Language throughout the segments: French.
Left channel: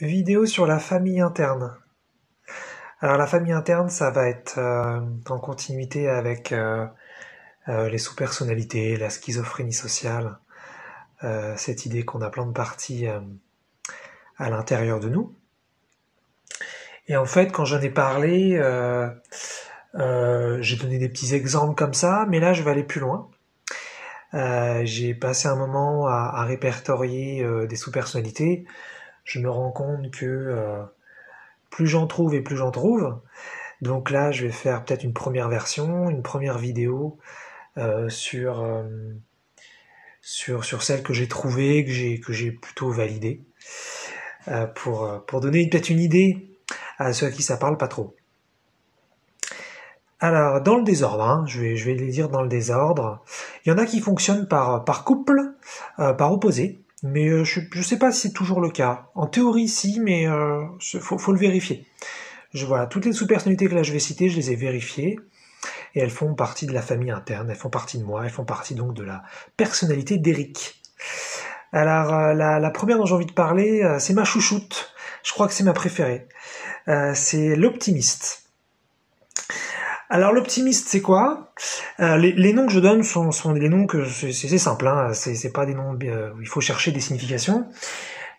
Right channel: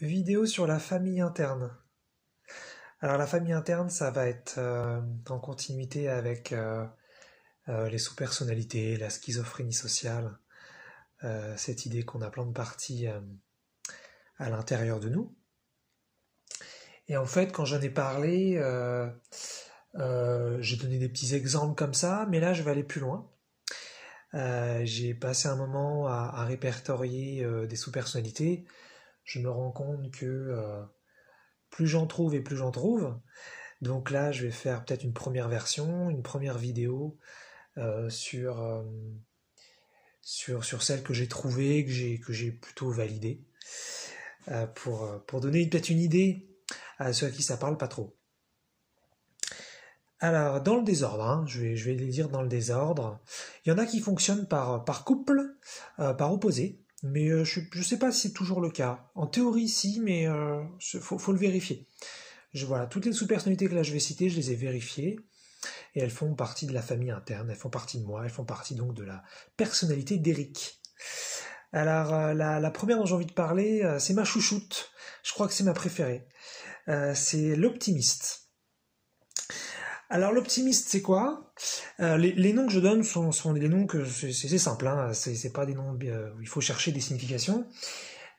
Vidéo sur la famille interne. Alors la famille interne, ça va être en continuité avec les sous-personnalités, la schizophrénie sociale, cette idée qu'on a plein de parties à l'intérieur de nous. Et en fait, quand j'en ai parlé, j'ai donné des petits exemples comme ça, mais là je vais aller plus loin. J'ai passé un moment à répertorier des sous-personnalités. Je me rends compte que plus j'en trouve et plus j'en trouve. Donc là, je vais faire peut-être une première version, une première vidéo sur celle que j'ai trouvée, que j'ai plutôt validée, pour donner peut-être une idée à ceux à qui ça parle pas trop. Alors, dans le désordre, hein, je vais les dire dans le désordre. Il y en a qui fonctionnent par couple, par opposé, mais je sais pas si c'est toujours le cas. En théorie, si, mais faut le vérifier. Voilà, toutes les sous-personnalités que là je vais citer, je les ai vérifiées, et elles font partie de la famille interne, elles font partie de moi, elles font partie donc de la personnalité d'Eric. Alors, la première dont j'ai envie de parler, c'est ma chouchoute, je crois que c'est ma préférée. C'est l'optimiste. Alors l'optimiste, c'est quoi? Les noms que je donne sont des noms que c'est simple, hein, c'est pas des noms où il faut chercher des significations.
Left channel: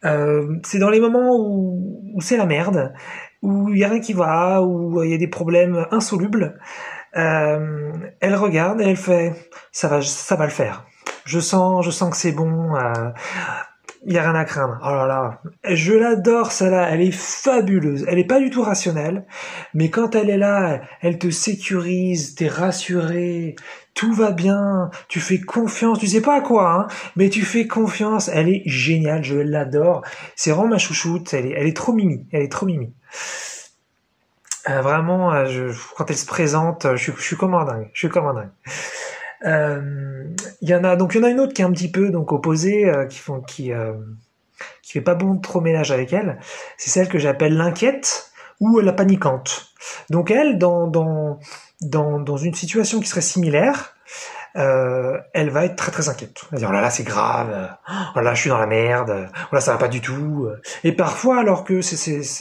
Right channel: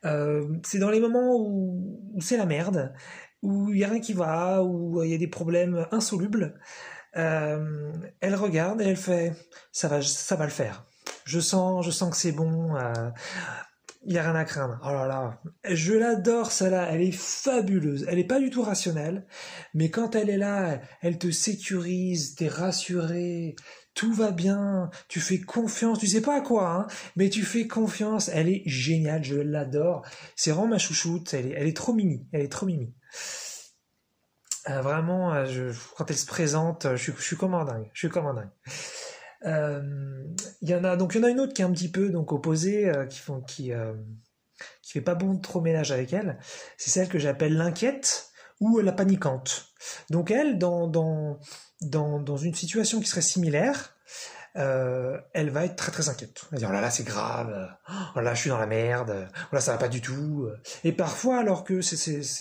C'est dans les moments où c'est la merde, où il y a rien qui va, où il y a des problèmes insolubles. Elle regarde et elle fait ça va le faire. Je sens que c'est bon. Il y a rien à craindre. Oh là là, je l'adore celle-là, elle est fabuleuse. Elle est pas du tout rationnelle, mais quand elle est là, elle te sécurise, t'es rassuré, tout va bien, tu fais confiance, tu sais pas à quoi, hein, mais tu fais confiance. Elle est géniale, je l'adore. C'est vraiment ma chouchoute. Elle est trop mimi, elle est trop mimi. Vraiment, quand elle se présente, je suis comme un dingue. Je suis comme un dingue. Il y en a une autre qui est un petit peu donc opposée, qui fait pas bon de trop ménage avec elle. C'est celle que j'appelle l'inquiète ou la paniquante. Donc elle, dans une situation qui serait similaire, elle va être très très inquiète. Elle va dire oh là là c'est grave, oh là je suis dans la merde, oh là ça va pas du tout. Et parfois alors que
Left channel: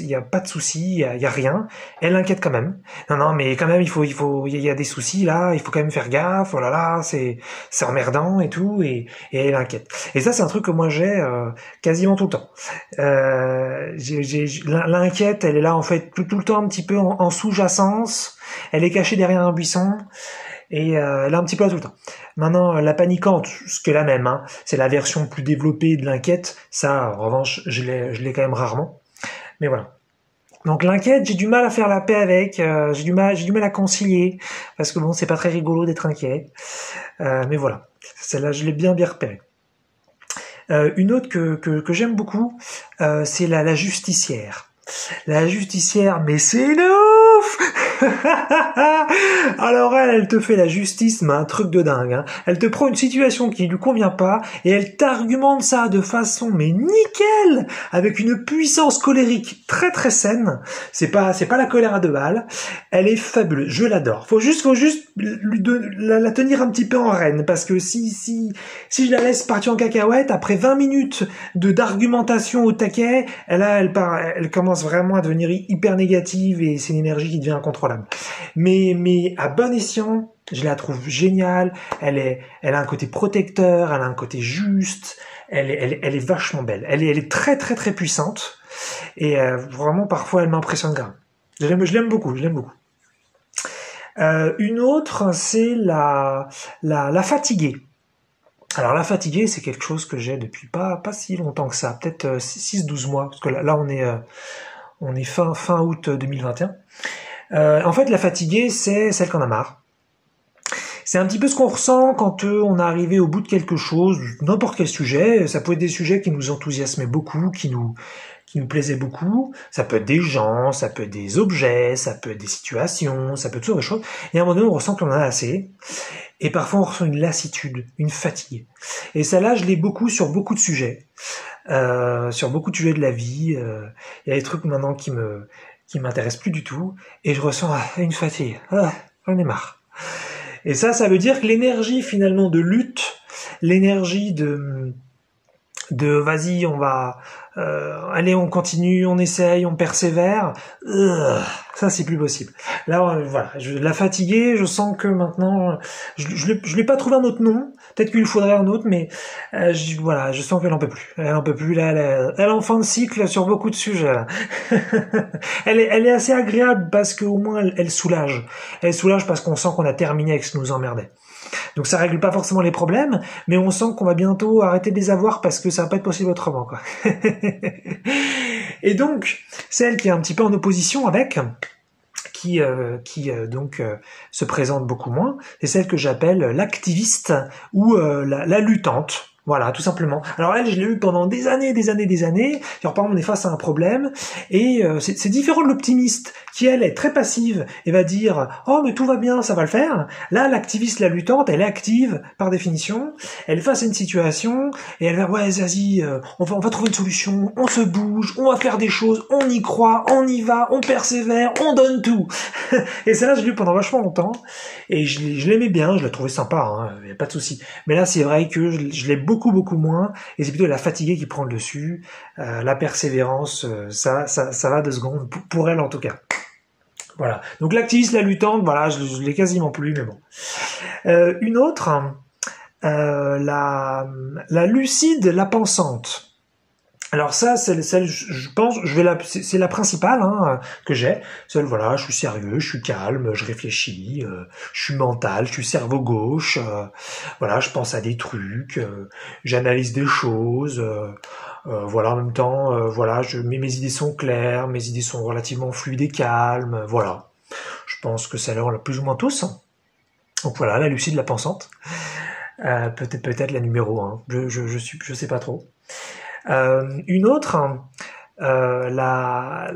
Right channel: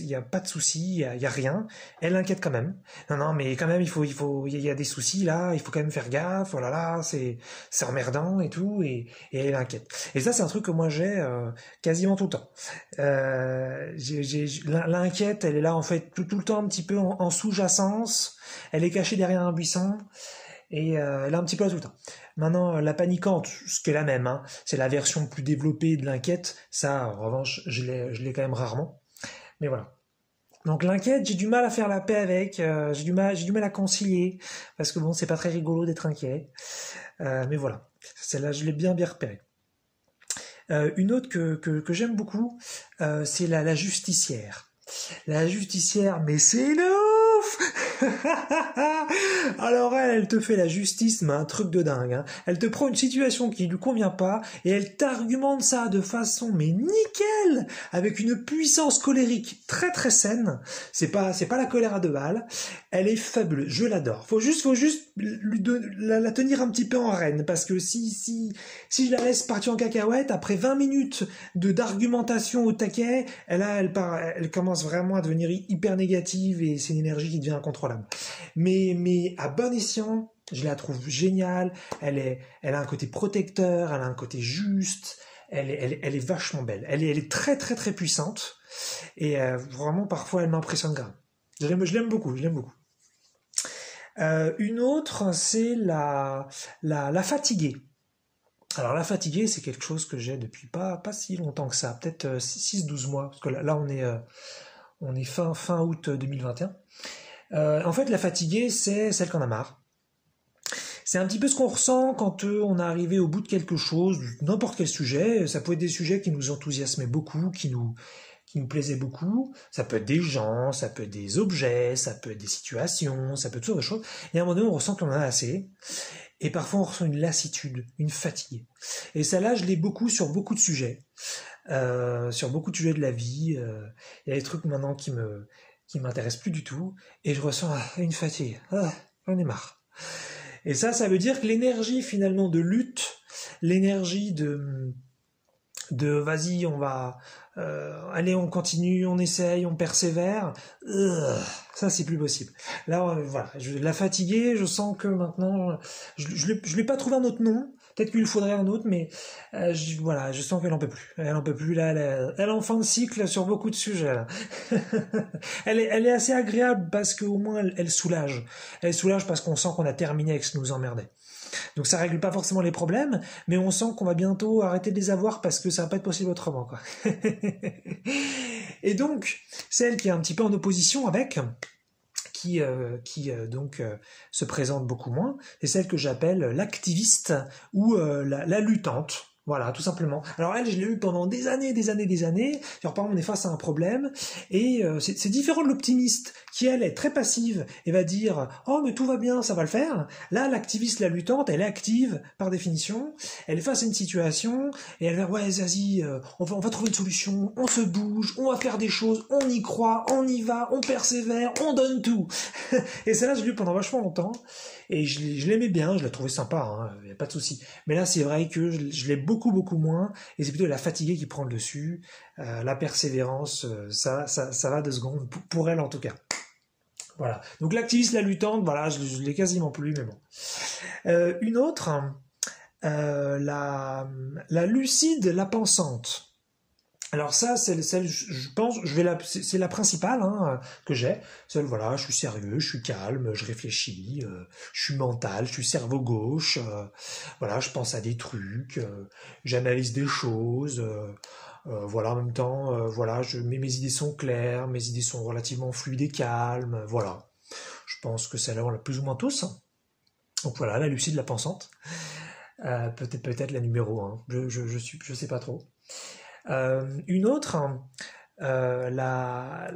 il y a pas de souci, il y a rien, elle inquiète quand même. Non mais quand même il y a des soucis là, il faut quand même faire gaffe. Oh là là c'est emmerdant et tout et elle inquiète. Et ça c'est un truc que moi j'ai quasiment tout le temps. L'inquiète elle est là en fait tout le temps un petit peu en sous-jacence. Elle est cachée derrière un buisson. Et elle est un petit peu là tout le temps. Maintenant, la paniquante, ce qui est la même, hein, c'est la version plus développée de l'inquiète. Ça, en revanche, je l'ai quand même rarement. Mais voilà. Donc l'inquiète, j'ai du mal à faire la paix avec. J'ai du mal à concilier parce que bon, c'est pas très rigolo d'être inquiet. Mais voilà, celle-là, je l'ai bien repérée. Une autre que j'aime beaucoup, c'est la justicière. La justicière, mais c'est une ouf. Alors elle te fait la justice, mais un truc de dingue. Hein. Elle te prend une situation qui lui convient pas et elle t'argumente ça de façon mais nickel, avec une puissance colérique très très saine. C'est pas la colère à deux balles. Elle est fabuleuse. Je l'adore. Faut juste la tenir un petit peu en rêne parce que si je la laisse partir en cacahuète après 20 minutes d'argumentation au taquet, elle commence vraiment à devenir hyper négative et c'est une énergie qui devient incontrôlable. Mais à bon escient, je la trouve géniale. Elle a un côté protecteur, elle a un côté juste. Elle est vachement belle. Elle est très très très puissante et vraiment parfois elle m'impressionne grave. Je l'aime beaucoup. Une autre, c'est la fatiguée. Alors la fatiguée, c'est quelque chose que j'ai depuis pas si longtemps que ça, peut-être 6-12 mois, parce que là on est fin août 2021. En fait, la fatiguée, c'est celle qu'on a marre. C'est un petit peu ce qu'on ressent quand on est arrivé au bout de quelque chose, n'importe quel sujet. Ça peut être des sujets qui nous enthousiasmaient beaucoup, qui nous plaisaient beaucoup. Ça peut être des gens, ça peut être des objets, ça peut être des situations, ça peut être toutes sortes de choses. Et à un moment donné, on ressent qu'on en a assez. Et parfois, on ressent une lassitude, une fatigue. Et celle-là, je l'ai beaucoup sur beaucoup de sujets. Sur beaucoup de sujets de la vie. Il y a des trucs maintenant qui m'intéressent plus du tout. Et je ressens une fatigue. J'en ai marre. Et ça veut dire que l'énergie finalement de lutte, l'énergie de vas-y, on va allez, on continue, on essaye, on persévère. Ça, c'est plus possible. Là, voilà, la fatiguée, je sens que maintenant, je l'ai pas trouvé un autre nom. Peut-être qu'il lui faudrait un autre, mais voilà, je sens qu'elle en peut plus. Elle en peut plus. Là, elle est en fin de cycle sur beaucoup de sujets. Là. Elle est assez agréable parce qu'au moins elle soulage. Elle soulage parce qu'on sent qu'on a terminé avec ce qui nous emmerdait. Donc ça règle pas forcément les problèmes, mais on sent qu'on va bientôt arrêter de les avoir parce que ça va pas être possible autrement, quoi. Et donc, celle qui est un petit peu en opposition avec, qui se présente beaucoup moins, c'est celle que j'appelle l'activiste ou la luttante. Voilà, tout simplement. Alors elle, je l'ai eu pendant des années. Alors par exemple, on est face à un problème et c'est différent de l'optimiste qui, elle, est très passive et va dire « Oh, mais tout va bien, ça va le faire ». Là, l'activiste, la luttante, elle est active par définition. Elle est face à une situation et elle va « Ouais, vas-y, on va trouver une solution, on se bouge, on va faire des choses, on y croit, on y va, on persévère, on donne tout ». Et celle-là, je l'ai eu pendant vachement longtemps et je l'aimais bien, je la trouvais sympa, hein, y a pas de souci. Mais là, c'est vrai que je l'ai beaucoup moins et c'est plutôt la fatigue qui prend le dessus. La persévérance, ça va 2 secondes, pour elle en tout cas. Voilà. Donc l'activiste, la luttante, voilà, je l'ai quasiment plus, mais bon. Une autre, la lucide, la pensante. Alors ça, celle, je pense, c'est la principale hein, que j'ai. Celle, voilà, je suis sérieux, je suis calme, je réfléchis, je suis mental, je suis cerveau gauche. Voilà, je pense à des trucs, j'analyse des choses. Voilà, en même temps, voilà, mes idées sont claires, mes idées sont relativement fluides et calmes. Voilà, je pense que ça leur l'a plus ou moins tous. Donc voilà, la lucide, la pensante. Peut-être la numéro 1. Je sais pas trop. Une autre, la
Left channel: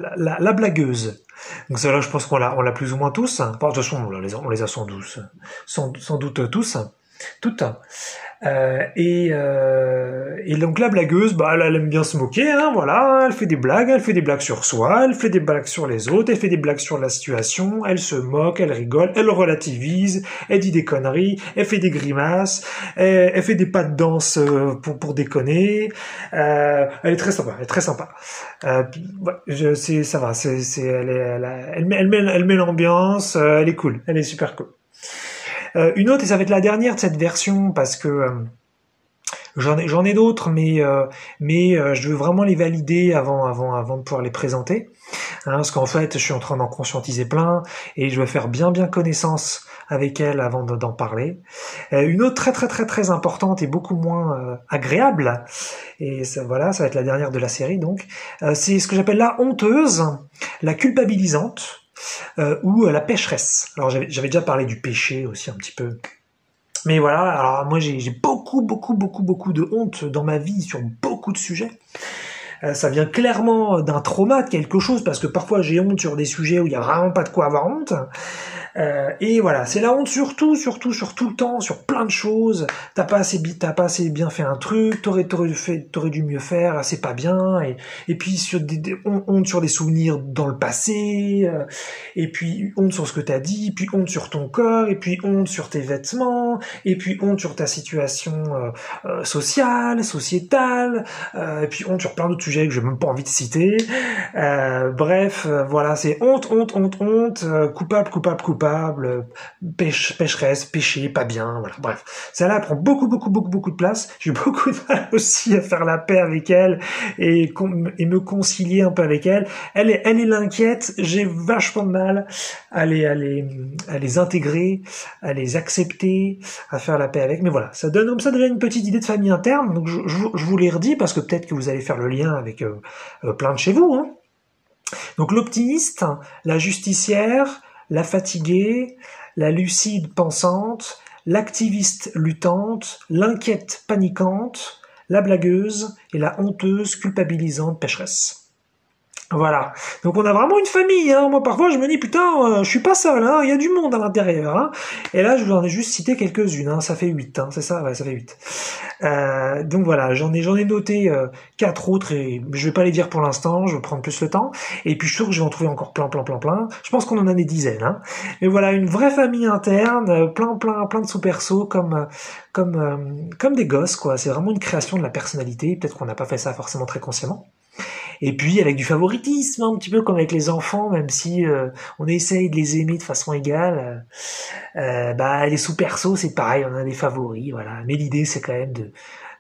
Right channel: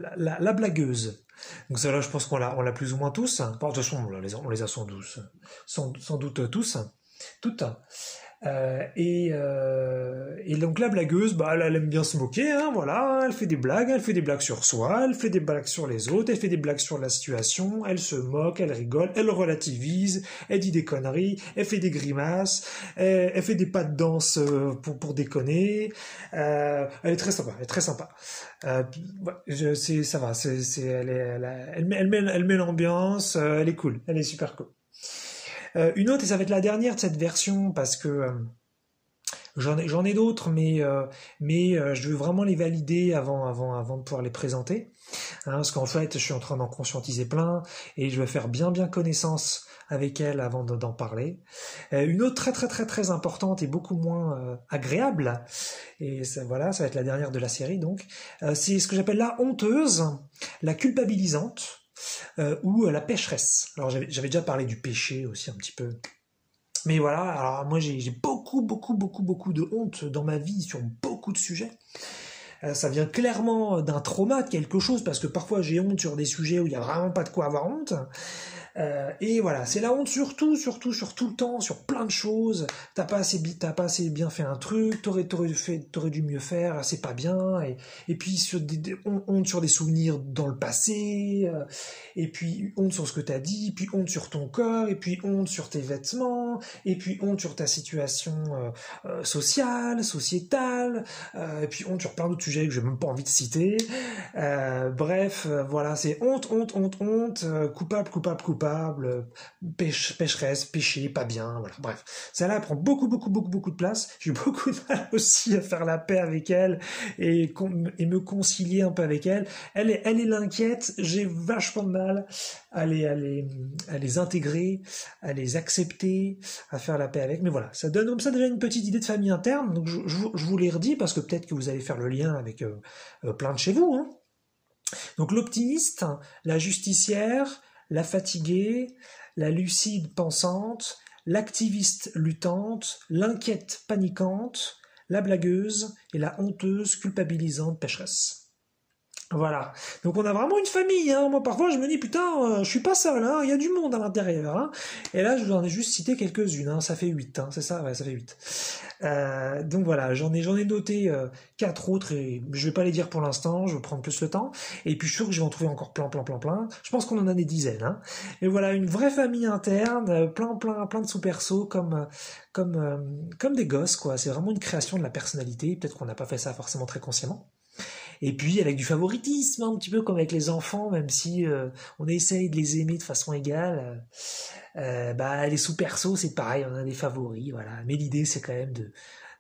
blagueuse. Donc celle-là, je pense qu'on l'a plus ou moins tous. Enfin, de toute façon, on les a sans doute tous, toutes. Et donc la blagueuse, bah elle aime bien se moquer, hein, voilà, elle fait des blagues sur soi, elle fait des blagues sur les autres, elle fait des blagues sur la situation, elle se moque, elle rigole, elle relativise, elle dit des conneries, elle fait des grimaces, elle fait des pas de danse pour déconner, elle est très sympa. Ça va, elle met l'ambiance, elle est cool, elle est super cool. Une autre, et ça va être la dernière de cette version, parce que j'en ai d'autres, mais je veux vraiment les valider avant de pouvoir les présenter. Hein, parce qu'en fait, je suis en train d'en conscientiser plein, et je veux faire bien connaissance avec elle avant d'en parler. Une autre très importante et beaucoup moins agréable, et ça, voilà, ça va être la dernière de la série, donc, c'est ce que j'appelle la honteuse, la culpabilisante, ou la pécheresse. Alors j'avais déjà parlé du péché aussi un petit peu. Mais voilà, alors moi j'ai beaucoup de honte dans ma vie sur beaucoup de sujets. Ça vient clairement d'un trauma, de quelque chose, parce que parfois j'ai honte sur des sujets où il y a vraiment pas de quoi avoir honte. Et voilà, c'est la honte sur tout le temps, sur plein de choses. T'as pas assez bien fait un truc, t'aurais dû mieux faire, c'est pas bien. Et puis honte sur des souvenirs dans le passé, et puis honte sur ce que t'as dit, puis honte sur ton corps, et puis honte sur tes vêtements, et puis honte sur ta situation sociale, sociétale, et puis honte sur plein d'autres sujets que j'ai même pas envie de citer. Bref, voilà, c'est honte, coupable, pécheresse, péché, pas bien, voilà, bref. Celle-là prend beaucoup de place. J'ai eu beaucoup de mal aussi à faire la paix avec elle et me concilier un peu avec elle. Elle est l'inquiète, j'ai vachement de mal à les intégrer, à les accepter, à faire la paix avec. Mais voilà, ça donne comme ça déjà une petite idée de famille interne. Donc je vous les redis parce que peut-être que vous allez faire le lien avec plein de chez vous, hein. Donc l'optimiste, la justicière, la fatiguée, la lucide pensante, l'activiste luttante, l'inquiète paniquante, la blagueuse et la honteuse culpabilisante pécheresse. Voilà. Donc on a vraiment une famille, hein. Moi parfois je me dis putain, je suis pas seul, hein. Il y a du monde à l'intérieur, hein. Et là je vous en ai juste cité quelques-unes, hein. Ça fait 8, hein. C'est ça, ouais, ça fait 8. Donc voilà, j'en ai noté 4 autres et je vais pas les dire pour l'instant, je vais prendre plus le temps. Et puis je suis sûr que je vais en trouver encore plein. Je pense qu'on en a des dizaines, hein. Mais voilà, une vraie famille interne, plein de sous-persos comme des gosses, quoi. C'est vraiment une création de la personnalité. Peut-être qu'on n'a pas fait ça forcément très consciemment. Et puis avec du favoritisme, un petit peu comme avec les enfants, même si on essaye de les aimer de façon égale. Bah les sous-persos, c'est pareil, on a des favoris, voilà. Mais l'idée, c'est quand même de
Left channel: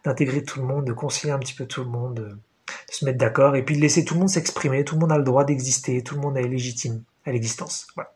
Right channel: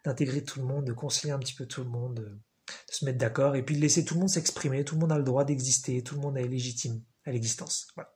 d'intégrer tout le monde, de concilier un petit peu tout le monde, de se mettre d'accord, et puis de laisser tout le monde s'exprimer. Tout le monde a le droit d'exister, tout le monde est légitime à l'existence. Voilà.